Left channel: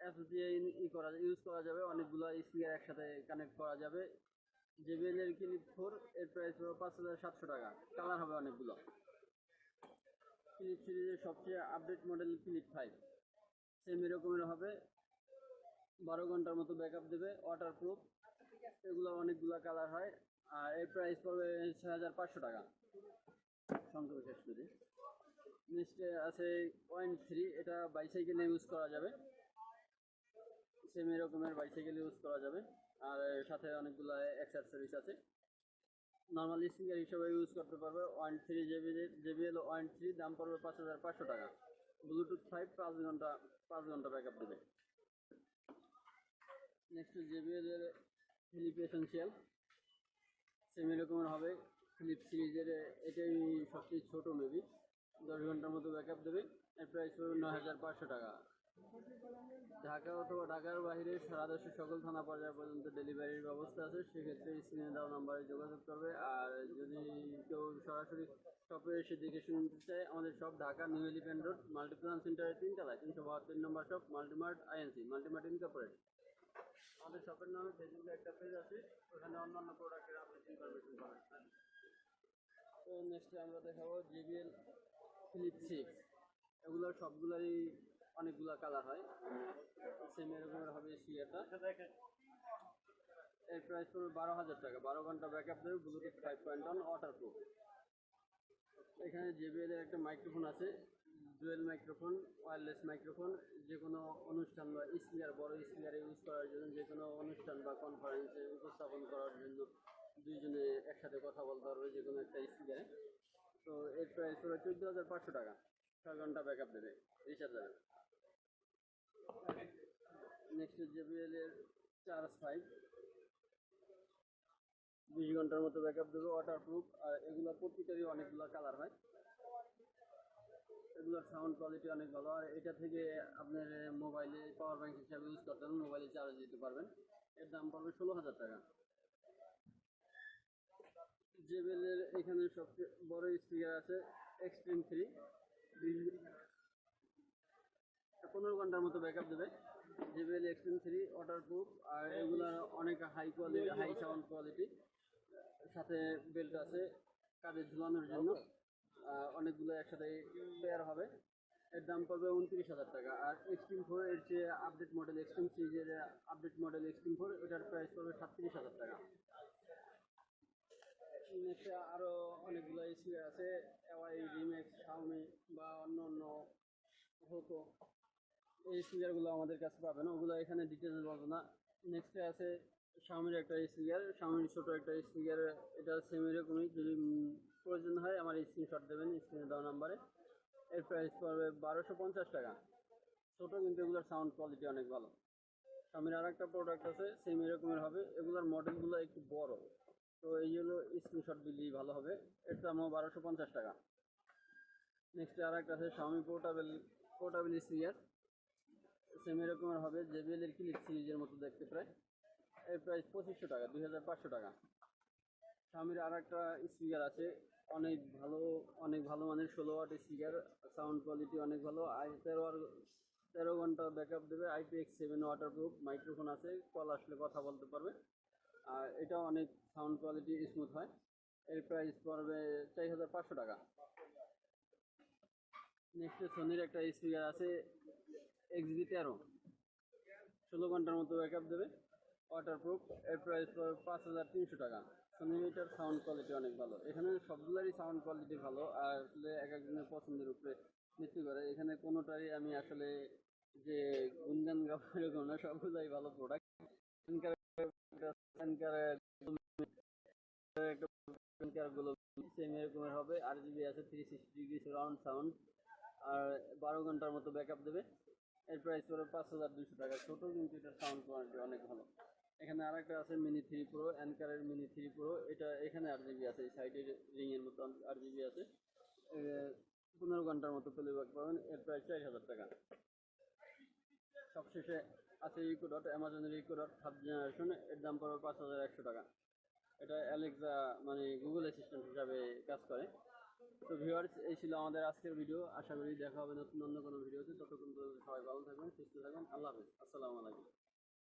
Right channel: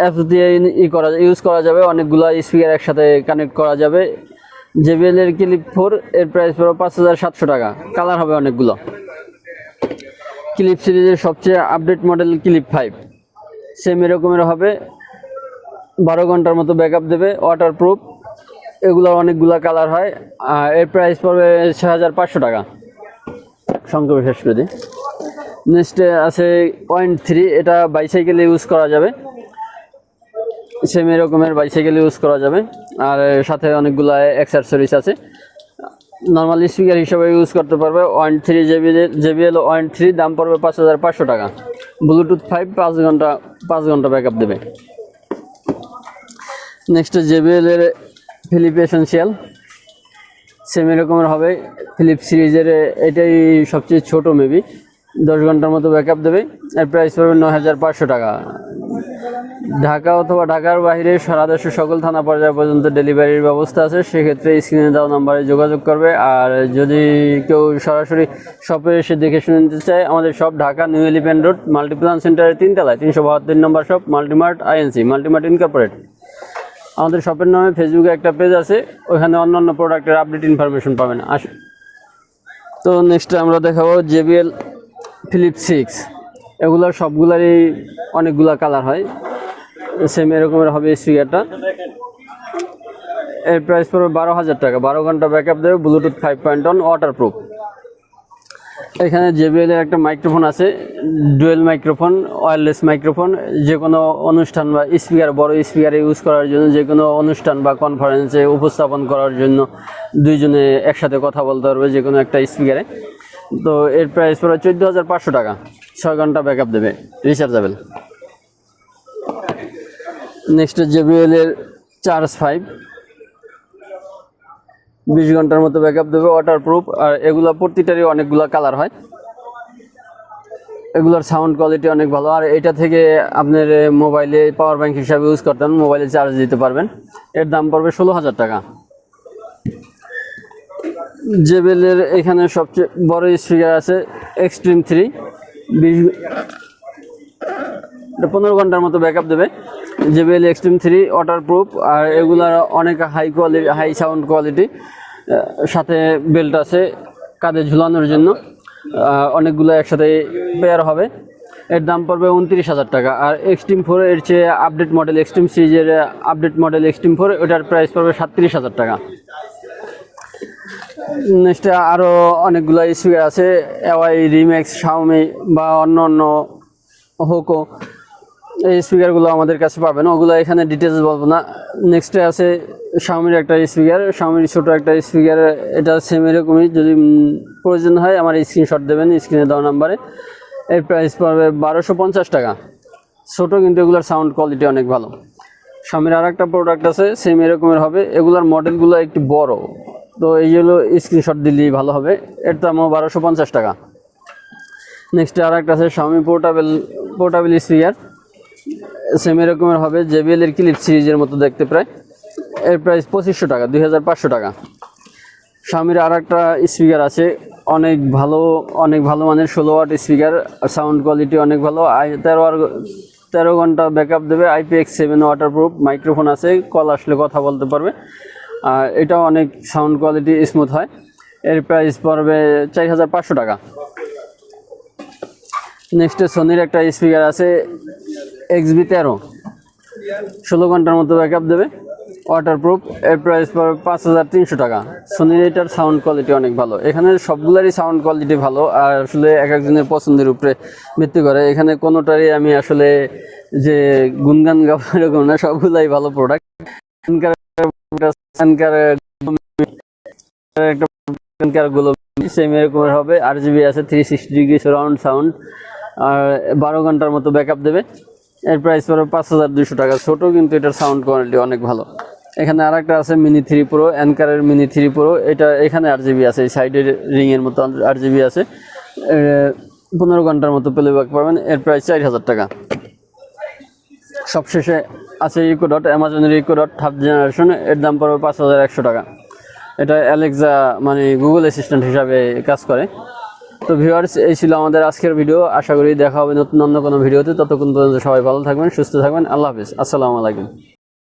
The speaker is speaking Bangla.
অ্যাপস দিয়ে ই করা ইউজ করা যাবে, অনেকগুলো স্পিকার একসাথে কানেক্ট করা যাবে। জেবিএল এর ক্লিপ ফোর এর প্রাইস পড়বে পাঁচ হাজার সাতশো টাকা। কালার হবে অনেকগুলো। ক্লিপ সিরিজের সবচেয়ে update model clip five same এরকমের হবে। বারো ঘণ্টার মতো ব্যাকআপ দেবে ওয়াটার প্রুফ এগুলোর অনেকগুলো কালার হয়। এর প্রাইস পড়বে ছ হাজার পাঁচশো টাকা। সংক্ষেপে শেষ করে দিই। নেক্সটে আছে পয়েন্ট থ্রি এটা বাইসাইকেলে ইউজ করা যাবে। সেম এরকমের বাইসাইকেল ইউজ করা যাবে। আর সাথে অনেকগুলো অ্যাক্সেসরিজ আছে। নর্মাল স্পিকার হিসাবে ইউজ করতে পারবে one three JB JBL one three দাম পড়বে পাঁচ হাজার পাঁচশো টাকা। ব্লুটুথ ফাইভ পাঁচ ঘণ্টা পাঁচ ঘণ্টা ব্যাকআপ দেবে। নেক্সট জেবিএল এর ফিলিপ এসেন্সিয়াল সেম এরকমের হবে। ফিলিপ সিরিজের এটাই সবচেয়ে ছোট মেবি দশ ঘণ্টার মতো ব্যাকআপ দেবে। এর প্রাইস পড়বে নয় হাজার পাঁচশো টাকা। ঢাকা অথবা ঢাকার বাইরে সারা দেশের সকল থানা পর্যায় পর্যন্ত ডেলিভারির ব্যবস্থা আছে, সেক্ষেত্রে স্ক্রিনে দেওয়া নাম্বারে যোগাযোগ করবে। আর যদি কেউ সরাসরি শপে এসে দেখে শুনে নিতে চায়, আমাদের shop Dhaka New Elephant Road Multiplan সেন্টারের তিনতলায়, তিনশো বাহাত্তর number shop Multimart INC Multimart incorporate আমাদের শপের নামে ফেসবুকে একটা পেজ আছে ওখানে অন্য অন্য প্রোডাক্টের আপডেট ইনফরমেশন পাবেন। আস তো নেক্সট আমরা দেখাবো জেবিএল ফিলিপ সিক্স এগুলোর সবগুলারই অনেকগুলা কালার হয়। সেম এরকমের হবে স্পিকারটা এর প্রাইস পড়বে বারো হাজার টাকা। বারো ঘণ্টা ব্যাকআপ দেবে Bluetooth five point one waterproof এখানে জেবিএল এর একটা মাইক্রোফোন আছে ডুয়েল মাইক্রোফোন ওয়্যারলেস মাইক্রোফোন যে কোনো অনুষ্ঠান বা স্পিকার বড় স্পিকার ইউজ করার জন্য যে কোনো অনুষ্ঠান বা কনফারেন্সে উপস্থাপন করার জন্য দুইজনে একসাথে কথা বলতে পারবে যে কোনো একটা স্পিকারে তো এর প্রাইস পড়ে চোদ্দ হাজার পাঁচশো টাকা। ছয় ঘণ্টা ব্যাকআপ দেবে। রিচার্জেবল নেক্সট জেবিএল এর চার্জ ফাইভ বিশ ঘণ্টার মতো ব্যাকআপ দেবে ওয়াটার প্রুফ আর এগুলো প্রতিটারই অনেকগুলো কালার হয়। এগুলোর সাউন্ড কোয়ালিটি অনেক ভালো। আর এটা থেকে আপনার মোবাইলে পাওয়ার ব্যাংক হিসাবে ইউজ করতেন মোবাইলে চার্জ দিতে পারবেন। এর দাম পড়বে ষোলো হাজার টাকা। জেবেলের এখানে সবচেয়ে বড় স্পিকার আছে এক্সট্রিম থ্রি বিশ এটা পনেরো ঘণ্টার মতো ব্যাকআপ দেবে। JBL extreme three waterproof আর এগুলার অনেক high quality high sound quality সাথে বেল্ট আছে কাঁধে ঝুলানোর জন্য। অনেকগুলো একসাথে পেয়ার হবে। এর দাম পড়বে উনত্রিশ হাজার টাকা। আর এক্সট্রিম ফোর এর চেয়ে আপডেট মডেল এক্সট্রিম সিরিজের আপডেট মডেল এক্সট্রিম ফোর ওটার প্রাইস পড়বে সাতত্রিশ হাজার টাকা। নেক্সটে আরও অনেকগুলো স্পিকার আছে এওয়াই রিম্যাক্স শাওমি বা অন্য অন্য হোকো এই স্পিকারগুলো আমাদের কাছে পাবেন, ওগুলো এখানে ডিটেলস বলব না। নেক্সটে আছে শাওমির একটা স্পিকার শাওমির ছোটো একটা স্পিকার, এটা সেম এরকমই, যদি প্রয়োজন হয় আমার স্ক্রিনশট দেবেন স্ক্রিনে দেওয়া নাম্বারে এর প্রাইস পড়বে বারোশো পঞ্চাশ টাকা। ছোটো কিন্তু এগুলোর সাউন্ড কোয়ালিটি অনেক ভালো। শাওমির আর একটা প্রোডাক্ট আছে সেম এরকমের হবে। এগুলোর মডেলগুলো একটু বড়। তো এইগুলো স্ক্রিনশট দিলেই ভালো হবে। এর দামও বারোশো পঞ্চাশ টাকা। নেক্সট আর একটা আছে স্বামী পোর্টাবেল পোর্টাবেল স্পিকার সেম এরকমের হবে জেবিএল এর ক্লিপ সিরিজের মতো দেখতে প্রায়। এর প্রাইস পঁচিশশো টাকা, দুই হাজার পাঁচশো টাকা। স্বামীর আর একটা স্পিকার আছে, অনেক ভালো অনেক ভালো মানের ষোলো ওয়াট স্পিকার সাউন্ড কোয়ালিটি অনেক ভালো, আই তেরো আর তেরো ঘণ্টা ব্যাকআপ দেবে IPX seven waterproof microphone আছে কল আসলে কথা বলতে পারবে। আর এটাও অনেক সাউন্ড কোয়ালিটি স্মুথ হয়। এর প্রাইস পড়বে চার হাজার পাঁচশো টাকা। নেক্সটে সোনির একটা স্পিকার আছে এক্স বি তেরো। ষোলো ঘণ্টার মতো ব্যাকআপ দেবে। ওয়াটারপ্রুফ এর প্রাইস পড়বে পাঁচ হাজার তিনশো টাকা। সোনির এটার সাউন্ড কোয়ালিটি অনেক ভালো। এখানে সবগুলারই সাউন্ড কোয়ালিটি ভালো। আর আসলে এক একজনের পছন্দের উপরে ভিত্তি করে। এখানে কোনোটারই আমি আসলে যে গুনগান গাবো এরকম না, সবগুলাই ভালো প্রোডাক্ট হবে আর জিবি আছে three sixty degree surround sound আর বারো ঘণ্টার মতো ব্যাকআপ দেবে। এর প্রাইস পড়বে পাঁচ হাজার দুশো টাকা। ছোটো কিন্তু এটার সাউন্ড কোয়ালিটি অনেক ভালো। এখানে আর একটা আছে মিনি থ্রি প্রো অ্যানকারের মিনি থ্রি প্রো এটা এখানে আর জিবি আছে, এই সাইডের রিংয়ের মতো আর জিবি আছে। পনেরো ঘণ্টার মতো প্লেব্যাক পাবেন। এর প্রাইস চার হাজার টাকা। সবশেষে আছে ইকো ডট, অ্যামাজনের ইকো ডট, থার্ড জেনারেশন, এর দাম পড়বে পাঁচ হাজার একশো টাকা। এটা অ্যালেক্সা মানে গুগল অ্যাসিস্ট্যান্ট হিসাবে কাজ করে। তো ভিউয়ার্স, এই ছিল আমাদের আজকের ভিডিও। আশা করি দেখা হবে নতুন অন্য কোনো ভিডিওতে। ততক্ষণ পর্যন্ত সবাই ভালো থাকবেন, সুস্থ থাকবেন। আল্লাহ হাফিজ। আসসালামু আলাইকুম।